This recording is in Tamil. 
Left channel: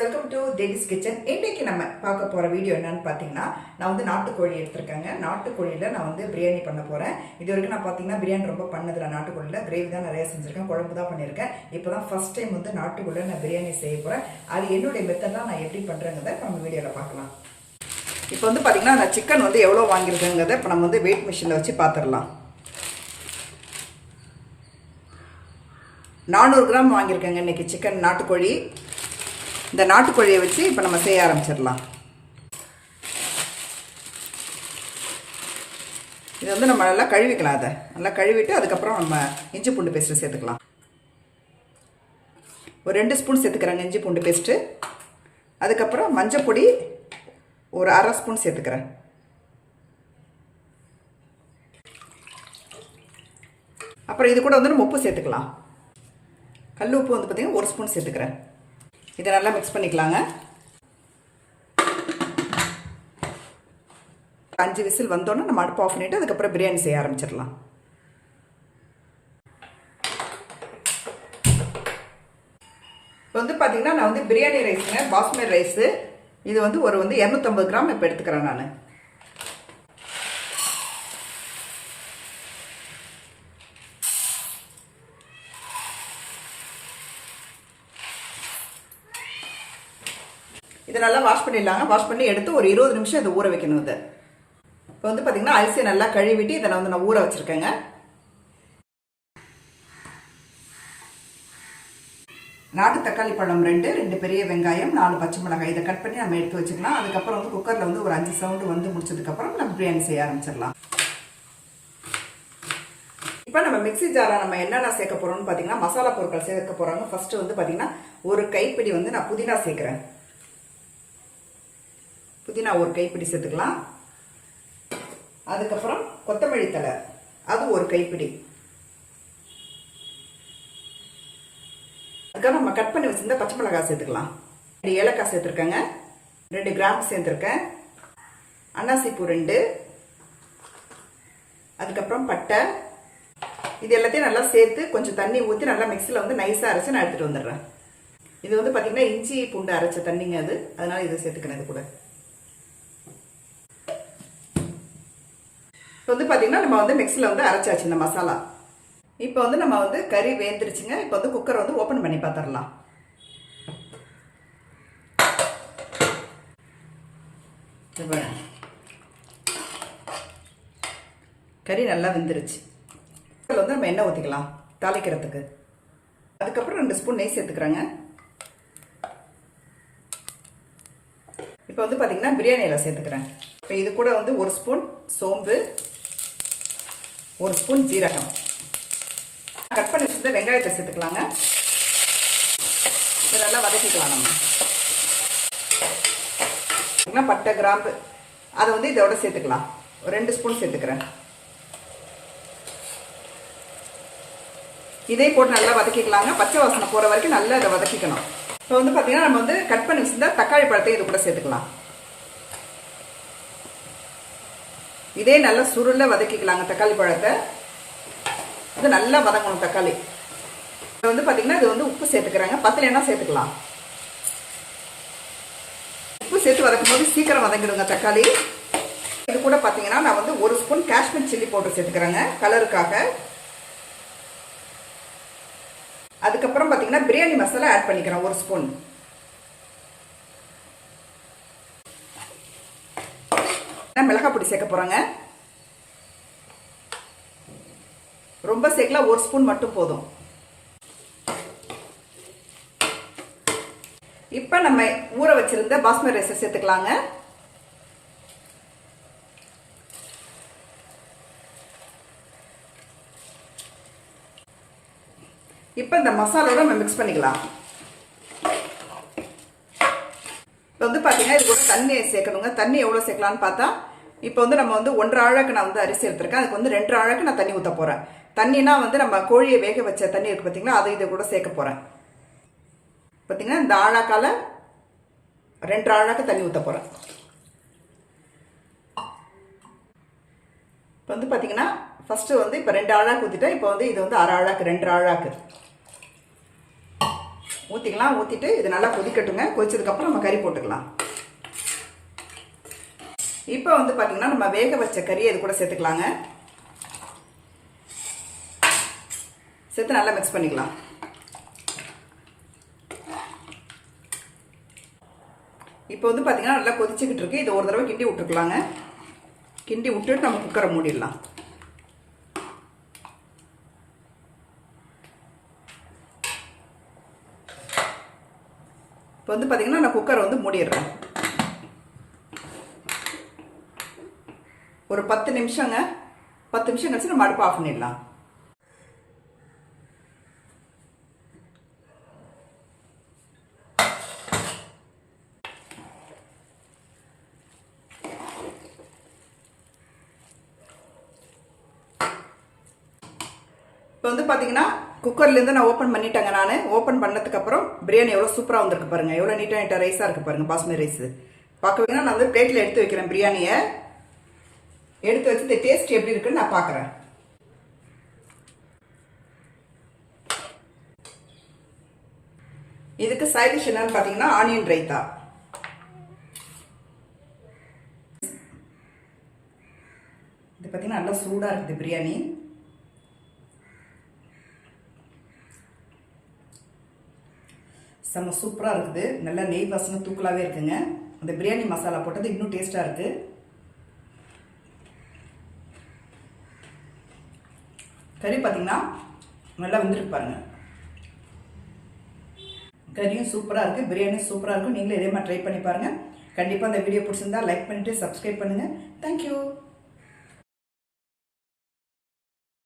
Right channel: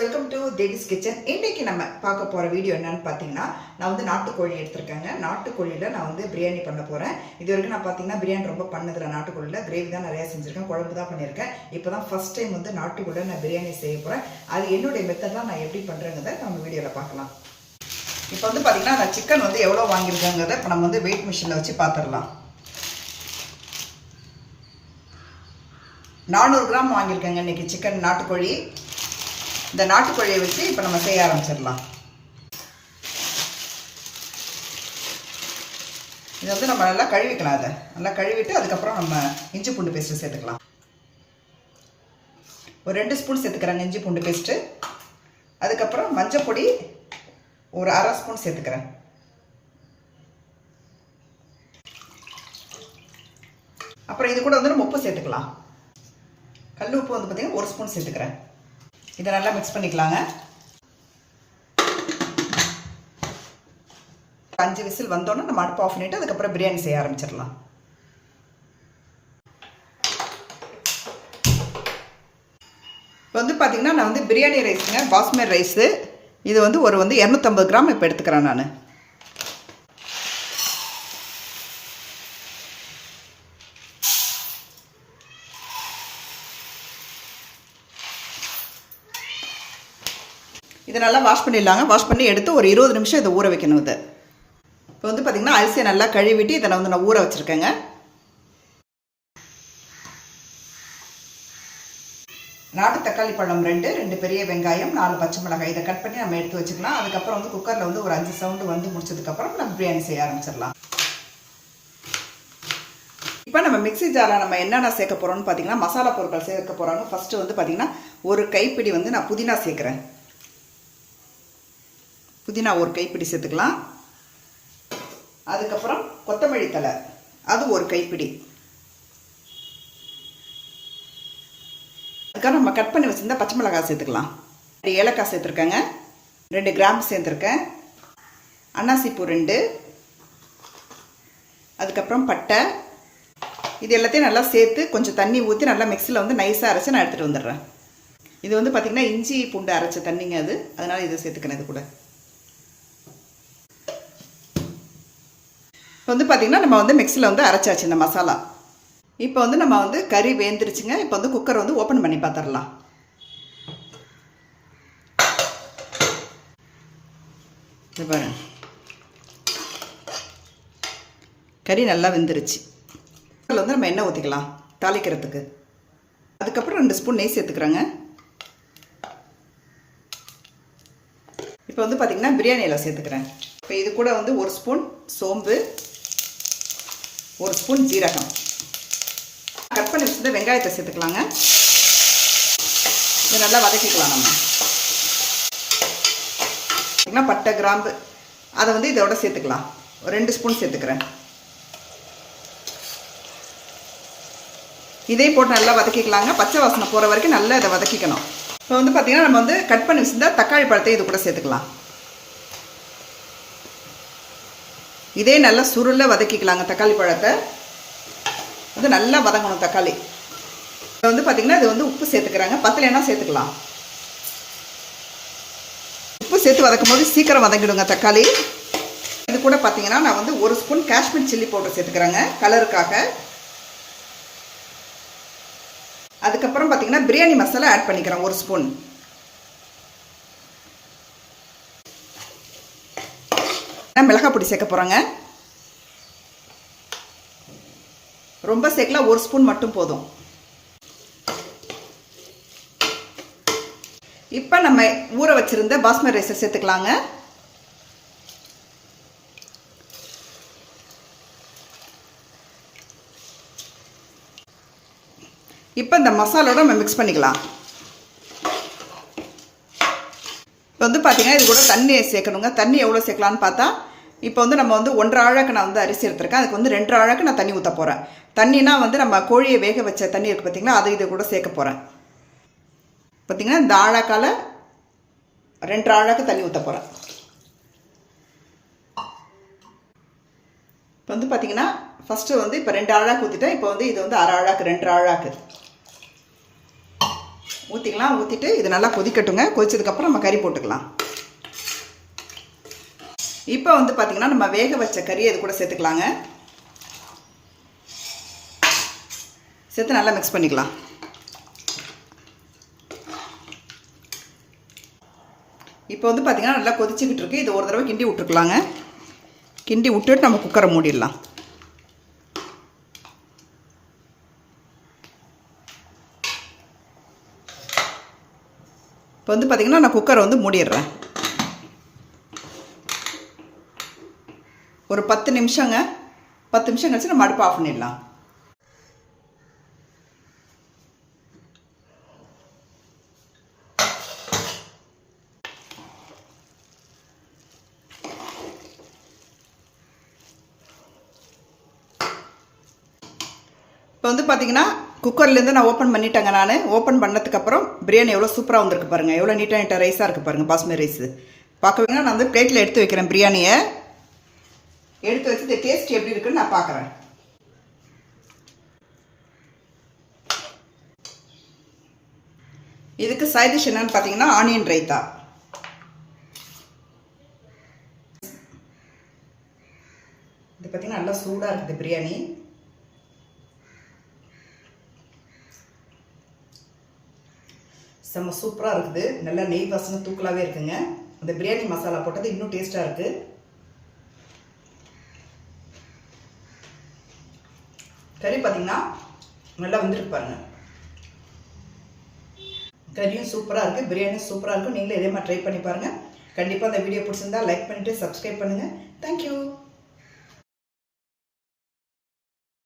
Welcome to Devi's kitchen. இன்றைக்கி நம்ம பார்க்க போகிற வீடியோ என்னன்னு பார்த்தீங்கன்னா, நான் வந்து நாட்டுக்கோழி எடுத்திருக்கேங்க. நாட்டுக்கோழியில் நான் வந்து பிரியாணி பண்ண போகிறேன். இது வரைக்கும் நான் பார்த்தீங்கன்னா பிரியாணி ரொம்ப பண்ணதில்லை. நாட்டுக்கோழியில் கிரேவி தான் நிறையா செஞ்சுருக்கேன், குழம்பு தான் பண்ணியிருக்கேன். இப்போ தான் ஃபஸ்ட் டைம் வந்து நாட்டுக்கோழியில் நான் பிரியாணி செய்ய போகிறேன். அது என்னுடைய மெத்தட் நான் எப்படி பண்ணுறேங்கிறத நம்ம வீடியோவில் பார்க்கலாம். இப்போ வந்து பார்த்திங்கன்னா நான் சிக்கன் வந்து எவ்வளோ வாங்கியிருக்கேங்கிறத இப்போ நம்ம வந்து வெயிட் மிஷினில் வச்சு பார்த்துடலாம். 400 கிராம் வாங்கியிருக்கேங்க இன்றைக்கி சிக்கன் நாட்டுக்கோழி. இந்த நாட்டுக்கோழியை வச்சு இப்போ நம்ம செய்ய ஆரம்பிச்சிடலாம். இதை வந்து நம்ம நல்லா கழுவிக்கலாம். அதை நல்லா கழுவிட்டு அதுக்கப்புறம் நம்ம இஞ்சி பூண்டு பேஸ்ட்டு சேர்த்துக்கலாம். ஒரு 2 ஸ்பூன் சேர்த்துக்கிறேங்க இஞ்சி பூண்டு பேஸ்ட்டு. அதுக்கப்புறம் மஞ்சள் பொடி ஒரு 1/2 ஸ்பூன் சேர்த்துக்கிறேன். அப்புறம் இது கூட வந்து நம்ம உப்பு சேர்த்துக்கலாம். கல் உப்பு வந்து பார்த்திங்கன்னா 1 ஸ்பூன் சேர்த்துக்கிறேன். இதை நல்லா மிக்ஸ் பண்ணிக்கலாங்க. 5 விசில் வந்தோன்னே நம்ம அடுப்பு ஆஃப் பண்ணிவிட்டு அதுக்கப்புறம் பிரியாணி செய்ய ஆரம்பிச்சிடலாம். இப்போ வந்து பார்த்திங்கன்னா நான் வந்து பிரியாணி ரைஸுங்க, பாஸ்மதி ரைஸு. இது வந்து ஒரு 250 கிராம் இப்போ எடுத்துக்கிறேன் நான். இதை நல்லா வாஷ் பண்ணிடலாங்க. வாஷ் பண்ணி எடுத்து ஒரு 20 நிமிஷம் இதை ஊற வைக்கணும். இதை இப்போ வந்து பார்த்திங்கன்னா அரிசியை நல்லா கழுவிட்டு இதை நான் ஊற வச்சுருக்கேங்க. நாட்டு தக்காளி பழம் 2 பெரிய வெங்காயம், 4 பச்சை மிளகாய் இதை கட் பண்ணி நம்ம எடுத்து வச்சுக்கலாம். அதுக்கப்புறம் வந்து குக்கரில் வந்து ஒரு 5 சவுண்டு வந்து முடிச்சதுக்கப்புறம் நம்ம பிரியாணி செய்ய ஆரம்பிச்சிடலாம். இப்போ நம்ம மிக்ஸி ஜாரில் நம்ம என்னென்ன சேர்க்க போகிறோம்னு பார்த்திங்கன்னா மசாலா பொருட்கள் சேர்க்க போகிறாங்க. ஃபஸ்ட்டு வந்து பார்த்திங்கன்னா ஒரு கைப்பிடி வந்து நான் புதினா சேர்க்குறேன். புதினா ஒரு கைப்பிடி சேர்த்துக்கலாம். அதுக்கப்புறம் கொத்தமல்லி தழை அது ஒரு கைப்பிடி. அதுக்கப்புறம் நம்ம கட் பண்ணி வச்சுருந்தா பச்சை மிளகாய் சேர்த்துக்கலாம். 2 ஏலக்காய் சேர்த்துருக்கேங்க, 2 கிராம்பு சேர்த்துருக்கேன், அன்னாசிப்பூ 2, அதுக்கப்புறம் பட்டை. இது எல்லாத்தையும் நல்லா சேர்த்து கொஞ்சம் தண்ணி ஊற்றி நல்லா மிக்சியில் வந்து நைஸாக அரைச்சி நான் எடுத்துகிட்டு வந்துடுறேன். இது வந்து பார்த்திங்கன்னா இஞ்சி பூண்டு அரைச்ச தண்ணிங்க அது, அதனால் இதை சேர்த்துக்கிறேன். இது கூட இப்போ வந்து பார்த்திங்கன்னா நம்ம வந்து மிக்சியில் வந்து அரைச்சாச்சு இந்த மசாலா. இப்போ வந்து நம்ம வந்து கறி வேந்துருச்சுங்க. இப்போ வந்து குக்கரை வந்து ஓப்பன் பண்ணி பார்த்துடலாம். கறி நல்லா வெந்துருச்சு. அதில் வந்து நம்ம எண்ணெய் ஊற்றிக்கலாம் தாளிக்கிறதுக்கு. அதுக்கப்புறம் 2 ஸ்பூன் நெய் சேர்த்துக்கிறேங்க. இப்போ வந்து பார்த்திங்கன்னா பிரியாணியில் சேர்த்துக்கிறேன். இப்போ இது கூட வந்து 1 ஸ்பூன் சோம்பு, 1 ஸ்பூன் ஜீரகம், கட் பண்ணி வச்சுட்டு வெங்காயத்தை சேர்த்துக்கலாங்க. இது நல்லா வதக்கிக்கலாம். நம்ம பட்டை கிராம்பு அதை வந்து இதோட சேர்த்துக்கலாம். ஒரு 2 ஸ்பூன் சேர்த்துக்கிறேன். இதே போட்டு நல்லா வதக்கிக்கலாங்க. பச்சை வாசனை போகிற வரைக்கும் நல்லா இதை வதக்கிக்கணும். இப்போ வந்து பார்த்திங்கன்னா நம்ம வந்து கட் பண்ணி வச்சுருந்தா தக்காளி பழத்தை இது கூட சேர்த்துக்கலாம். இதே நல்லா சுருள வதக்கிக்கலாங்க தக்காளி பழத்தை. அது நல்லா வதங்கணும் தக்காளி. இப்போ வந்து பார்த்திங்கன்னா இது வந்து உப்பு சேர்த்துக்கிறாங்க. பத்தலைன்னா சேர்த்துக்கலாம். உப்பு சேர்த்து வதக்கும் போது சீக்கிரம் வதங்கிடுங்க தக்காளி. இது கூட பார்த்திங்கன்னா நான் வந்து 1 ஸ்பூன் காஷ்மீர் சில்லி பவுடர் சேர்த்துக்கிறாங்க கலருக்காக. அதுக்கப்புறம் பார்த்திங்கன்னா பிரியாணி மசாலா ஆட் பண்ணிக்கிறேன் 1 ஸ்பூன். மிளகாய் பொடி சேர்க்க போகிறோங்க. ரொம்ப சேர்க்கலாம், 1 ஸ்பூன் மட்டும் போதும். இப்போ நம்ம ஊற வச்சிருந்த பாஸ்மதி ரைஸை சேர்த்துக்கலாங்க. இப்போ இந்த மசாலோட நம்ம மிக்ஸ் பண்ணிக்கலாம். இப்போ வந்து பார்த்திங்கன்னா இது கூட தண்ணி சேர்க்கணுங்க. தண்ணி எவ்வளோ சேர்க்கலான்னு பார்த்தா இப்போ வந்து நம்ம வந்து 1.5 ஆழக்கு நான் வந்து அரிசி எடுத்துருக்கேன். அதுக்கு வந்து 2 ஆழக்கு நான் தண்ணி ஊற்ற போகிறேன். தண்ணினா வந்து நம்ம கோழியை வேக வச்ச தண்ணி இருக்குது பார்த்திங்களா, அதை இதை கூட சேர்க்க போகிறேன். பார்த்திங்கன்னா இந்த ஆழாக்கால் 2 ஆழாக்கு தண்ணி ஊற்ற போகிறேன். இப்போ வந்து பார்த்திங்கன்னா ஃபஸ்ட்டு வந்து இப்போ 2 ஆழாக்கு ஊற்றிட்டேன். இப்போ வந்து இது வந்து 1/2 ஆழாக்கு 2 ஆழாக்கு ஊற்றிக்கலாம். ஊற்றிட்டு இது நல்லா கொதிக்கட்டுங்க. கொதிச்சதுக்கப்புறம் நம்ம கறி போட்டுக்கலாம். இப்போ வந்து பார்த்திங்கன்னா நம்ம வேக வச்ச கறியை இது கூட சேர்த்துக்கலாங்க. சேர்த்து நல்லா மிக்ஸ் பண்ணிக்கலாம். இப்போ வந்து பார்த்திங்கன்னா நல்லா கொதிச்சுக்கிட்டு இருக்குது. இது ஒரு தடவை கிண்டி விட்டுருக்கலாங்க. கிண்டி விட்டுட்டு நம்ம குக்கரை மூடிடலாம். இப்போ வந்து பார்த்திங்கன்னா நான் குக்கரை வந்து மூடிடுறேன். ஒரு 10 நிமிஷங்க. 10 நிமிஷம் கழிச்சு நம்ம அடுப்பு ஆஃப் பண்ணிடலாம். இப்போ வந்து பார்த்தீங்கன்னா குக்கர்லேருந்து நான் ஓப்பன் பண்ணிட்டேங்க. நான் ஓப்பன் பண்ணதுக்கப்புறம் பிரியாணி எவ்வளோ சூப்பராக வந்திருக்கு பாருங்கள். எவ்வளோ நீட்டாக ரைஸாக இருக்குது பாருங்கள். பாஸ்மதி ரைஸு பார்க்க நான் வந்து பிளேட்டில் எடுத்து வைக்கிறேன். பிரியாணியை எடுத்து வச்சு இந்த டேஸ்ட் எப்படி இருக்குன்னு நான் பார்க்குறேன். இதுக்கு சைட் டிஷ் என்னன்னு பார்த்தீங்கன்னா ஆனியன் ரைத்தா. இது பார்த்தீங்கன்னா நல்லா சூடாக இருக்குது பிரியாணி. செம்ம சூப்பராக இருக்குது. நல்லா நெய் வாசனை தூக்கலாகவே இருக்குங்க. அந்த பிரியாணி மசாலா போட்டது இன்னும் டேஸ்ட்டாக இருக்குது. கறி பார்த்திங்கன்னா நல்லா வந்துருக்கு பாருங்கள். கறியும் சூப்பராக இருக்குது, பிரியாணியும் சூப்பராக இருக்கும். நீங்களும் இதே மாதிரி ட்ரை பண்ணி பாருங்கள். கண்டிப்பாக அந்த வீடியோ பிடிச்சிருந்தா லைக் பண்ணிவிட்டு சப்ஸ்கிரைப் பண்ணுங்கள். தேங்க்யூ.